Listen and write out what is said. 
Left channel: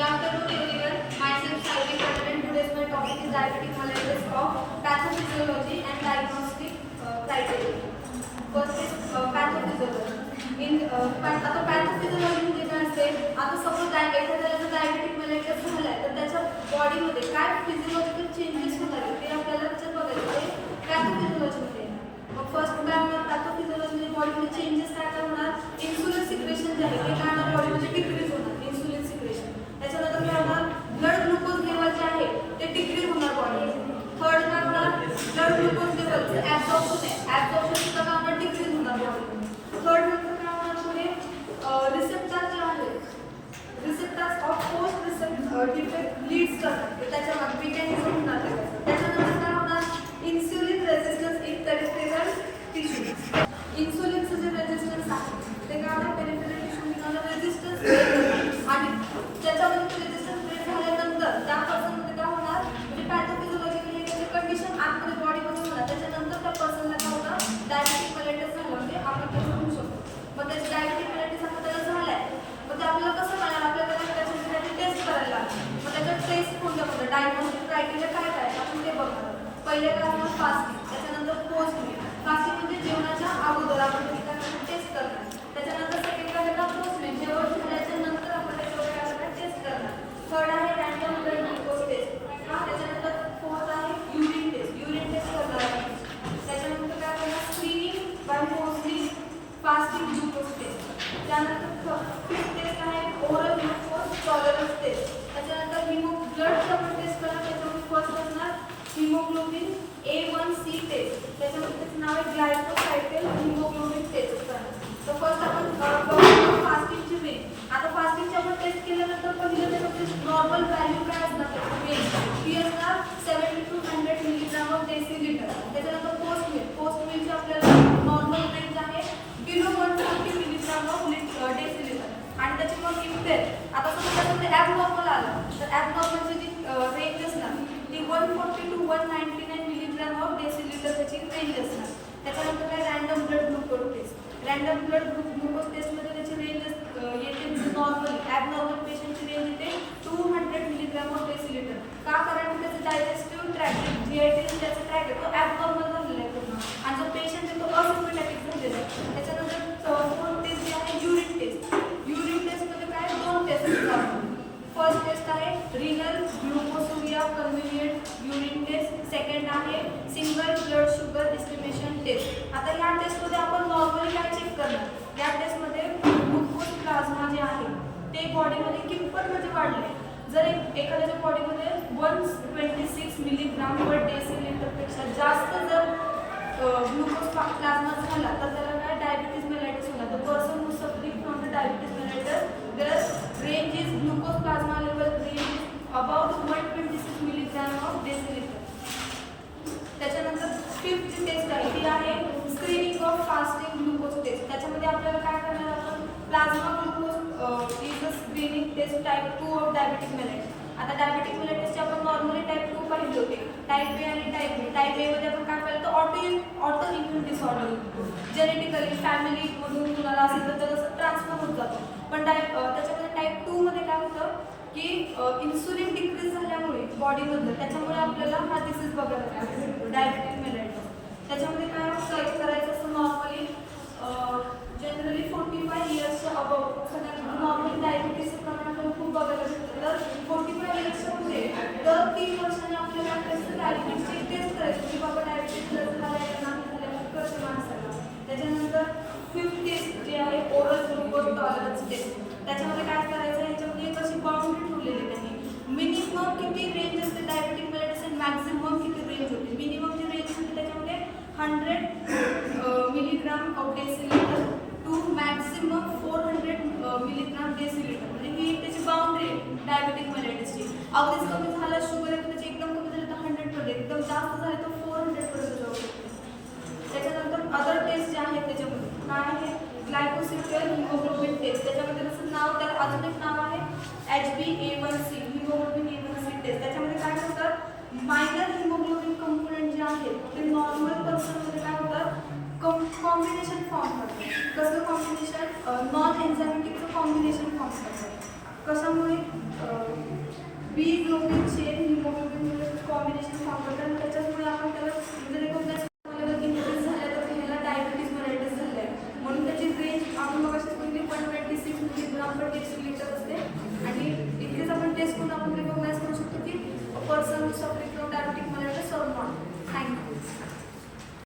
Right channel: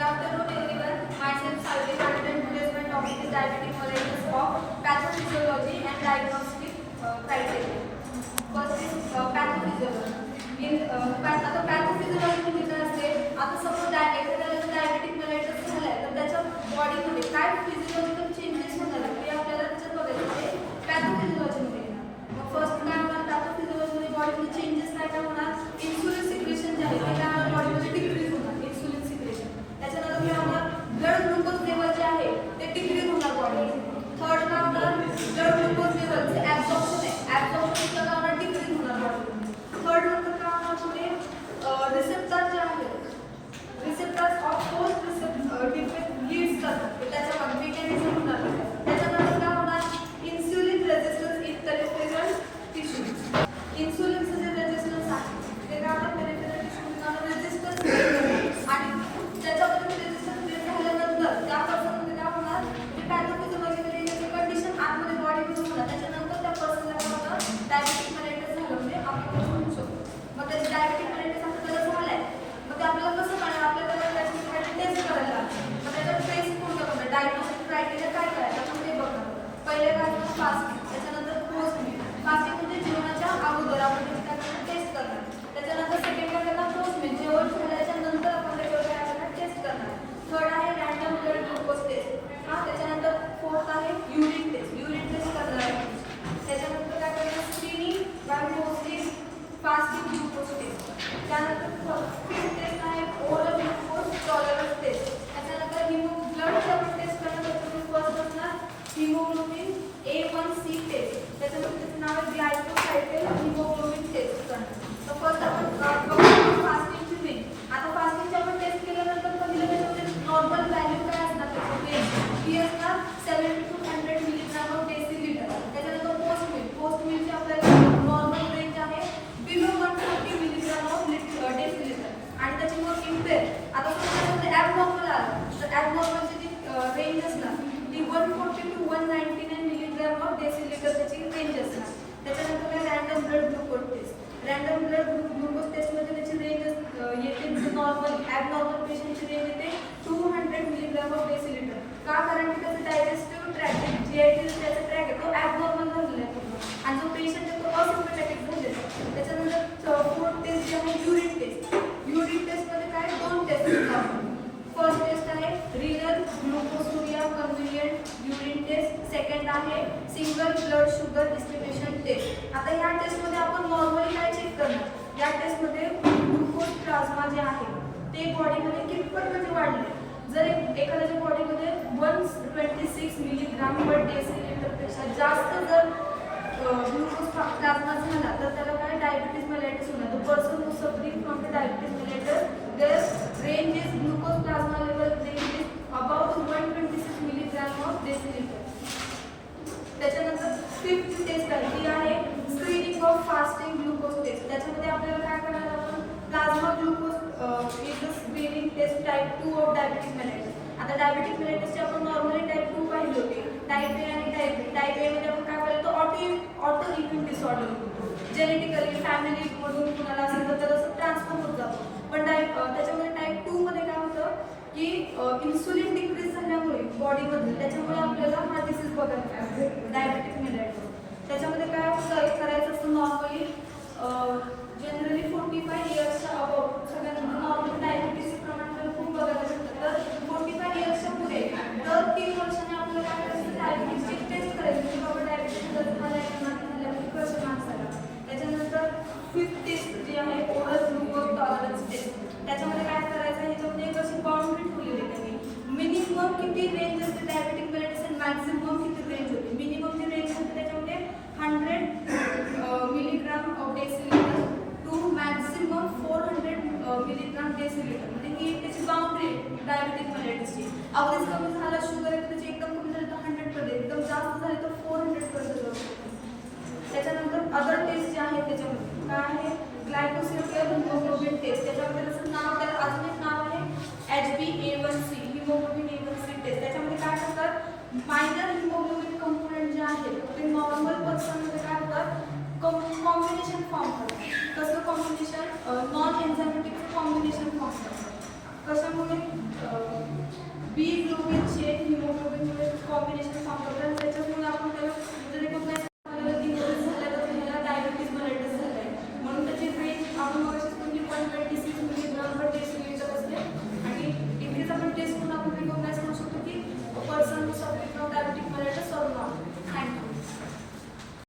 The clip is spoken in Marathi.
Good afternoon everyone. Myself Saivik Pandit and today's my topic is diabetic mellitus of pathophysiology and diagnostic criteria. First is pathophysiology. आता pathophysiology म्हणजे काय असते? आता सपोज एखाद्याला डायबेटिक मेलाइटस झालाय तर त्याच्या बॉडीमध्ये काय फिजियोलॉजिकल चेंजेस होणार आहेत ते आपल्याला त्याच्यात बघायचं आहे पॅथोफिजियोलॉजी मध्ये. मग फर्स्ट काय होणार पॅथोफिजियोलॉजी मध्ये बॉडीमध्ये चेंजेस काय होणार? इन्सुलिन सिक्रेशन जे आहे ते काय होणार बॉडीमध्ये डिक्रीज होणार इन्सुलिन सिक्रेशन. त्याच्यानंतर काय होणार ब्लड ग्लुकोज लेवल जे आहे ते डिक्रीज होणार बॉडीमध्ये. थर्ड काय होणार ब्लड ग्लुकोज लेवलचं ॲब्झॉर्प्शन आहे ॲब्झॉर्प्शन काय होणार डिक्रीज होणार बॉडीमध्ये. थर्ड नंतर काय होणार पुढे रिसेप्टर जे आहे receptors of post receptor defect leads करतात त्याच्यामध्ये मेकॅनिझम होणार. त्याच्यानंतर काय होणार insulin resistance in peripheral tissue. इन्सुलिनचं जे रेझिस्टन्स आहे ते काय होणार पेरिफेरल टिश्यू रेझिस्टन्स आणि त्याच्यामध्ये रेझिस्टन्स ब्रेक झाल्यानंतर त्या पर्सनमध्ये काय होणार म्हणजे पॅथोफिजियोलॉजिकली कंडिशन आतमध्ये बॉडीमध्ये होणार. त्याच्यानंतर त्या पर्सनला काय होणार डायबेटिक मेलाइटस झालं म्हणजे आपण म्हणू शकतो. मग त्याची डायबेटिक मेलाइटस आता त्याला झालाय मग ते आपल्याला कसं कळणार आपल्याला त्याच्यामध्ये टेस्ट करायला लागेल. मग त्याच्यात टेस्ट कोणत्या कोणत्या डायग्नोस्टिक क्रायटेरिया काय काय आपण ते बघणार. पहिले काय होणार फास्टिंग त्याच्यानंतर पोस्ट मील. फास्टिंग म्हणजे जेवणाच्या अगोदर आपण काय करणार टेस्ट करणार. त्याच्यानंतर सेकंड काय करणार पोस्ट मील जेवण झाल्याच्या नंतर आपण त्याच्यावर काय करणार टेस्ट करणार. थर्ड आहे रँडम ब्लड ग्लुकोज टेस्ट. त्याच्यानंतर फोर्थ आहे युरिन टेस्ट करणार आहे. त्याच्यानंतर काय करणार screening by mostly fasting glucose test. त्यानंतर फिफ्थ टेस्ट आहे ओरल ग्लुकोज टॉलरन्स टेस्ट. त्याच्यानंतर ब्लडचं पण टेस्ट करणार त्याच्यामध्ये फर्स्ट असणार हिमोग्लोबिन A1C टेस्ट. त्याच्यामध्ये त्याचं नाव आहे ग्लायकोसाइटेल हिमोग्लोबिन टेस्ट करणार. तर फर्स्ट आपण फास्टिंगची वेन. आता फास्टिंगची आपण टेस्ट केल्यानंतर पहिलं त्याच्यामध्ये नॉर्मल व्हॅल्यू काय असणार त्याची वेन ती असणार 70 to 100 मिलीग्राम ऑफ डेसिलिटर. त्याच्यानंतर पोस्ट मिलची आपल्याला नॉर्मल रेंज आहे बिलो 140 मिलीग्राम ऑफ डेसिलिटर. आणि त्याची मग इम्पेअर आता समजा ॲबनॉर्मल आलं तर ॲबनॉर्मलची जी रेंज असणार ती 140 to 199 मिलीग्राम ऑफ डेसिलिटर त्याची रेंज असणार. त्याच्यानंतर काय random blood glucose test. Random blood glucose टेस्टमध्ये त्याची रेंज येते नॉर्मली ॲबनॉर्मल पेशंटची रेंज येते 200 मिलीग्राम ऑफ डेसिलिटर. का कारण की त्याचं डायजेस्टिव्ह ट्रॅक GIT त्याचा ट्रॅक आहे तो ॲबनॉर्मल झालेला आहे पूर्ण आणि जो पेशंट आहे तो असिम्पटॅटिक झालेला आहे. त्याच्यानंतर फोर्थ टेस्ट जी आहे युरिन टेस्ट. युरिन टेस्टमध्ये काय दोन टेस्ट असतात. फर्स्ट टेस्ट आहे renal glucosuria convenient urine test. Second आहे single blood sugar estimation test. आता ह्या टेस्टमध्ये आपण नॉर्मली काय चेक करणार या टेस्टमध्ये ग्लुकोज प्लाझ्मा जे आहे ते बॉडीमध्ये कितपत म्हणजे वाढले. जर एखाद्याच्या बॉडीमध्ये 126 मिलीग्राम पर डेसिलिटरपेक्षा जास्त जर ग्लुकोज प्लाझ्मा झाला तर त्याला काय डायबिटीज मेलाइटस होणार. The person who suffering from the diabetes mellitus their range is glucose plasma level range is about 126 milligram of decilitre. त्याच्यानंतर फिफ्थ टेस्ट आहे ती आहे screening of fasting glucose test. त्याच्यामध्ये आपल्याला काय करणार आपण plasma glucose is the screening test type 2 of diabetic mellitus. आता डायबिटिक मेलाइटसचे आपण नॉर्मली टाइप 2 पाहिले होते. टाइप A आणि टाइप B. टाइप A मध्ये आपण काय पाहिलं तर ऑटो इम्युन डिसऑर्डर जेनेटिकली फॅमिलीमधून कुणाला असेल तर तसं ट्रान्सफर होत जातो. पण त्याच्यामध्ये टाइप 2 मध्ये काय होतं की इन्सुलिन डिक्रीज झाल्यामुळे बॉडीमधलं त्याच्यामुळे आपल्याला हा डिसीज बघायला मिळतो डायबिटिक मेलाइटस. त्याच्यामध्ये काय करायचं असतं नॉर्मली जनरली 45 इयर्सच्या अबाउट सगळ्यांना नॉर्मली डायबिटीसचं प्रमाण आपल्याला खूप बघायला भेटतं. तर 45 इयर्सच्या पुढे दर 3 वर्षांनी आपल्याला काय करायचं डायबिटीसची टेस्ट करायची की बाबा डायबिटीस झालं नाही झालं कसे माणसाला. त्याच्यानंतर फिफ्थ टेस्ट जी आहे ओरल ग्लुकोज टॉलरन्स टेस्ट. त्याच्यामध्ये काय करायचं ह्याच्यामध्ये एक अशी बाउंड्री ठेवलेली आहे. मिनिमम किती रेंज असते डायबिटिक मेलाइटस आणि मॅक्झिमम किती रेंज होते. मिनिमम जी रेंज होते त्याच्यामध्ये 100 milligram of decilitre to maximum 400 milligram decilitre म्हणजे ही त्याची बाउंड्री आहे डायबिटिक मेलाइटसची. अगदीच कमी झालं शुगर आहे त्याचे एकदम कमी झाले तर 100 पर्यंत एकदम जास्त झाले तर 400 पर्यंत जाऊ शकते. त्याच्यानंतर अदर टेस्ट जे आहेत त्याच्यामध्ये काय आहे ग्लायकोसिलिक हिमोग्लोबिन टेस्ट. त्याच्यामध्ये त्याचं नाव त्याला अजून एक नाव आहे HbA1c हिमोग्लोबिन A1c टेस्ट. त्याच्यामध्ये काय करतात मायनर हिमोग्लोबिन कंपोनेंट जे आहेत ते नॉर्मल पर्सनमध्ये काय होतात कॉम्बिनेशन फॉर्म करतात. कसं combination non enzymatic combination form करतात. कशामुळे B globin chain haemoglobin combination form करतात. त्याच्यात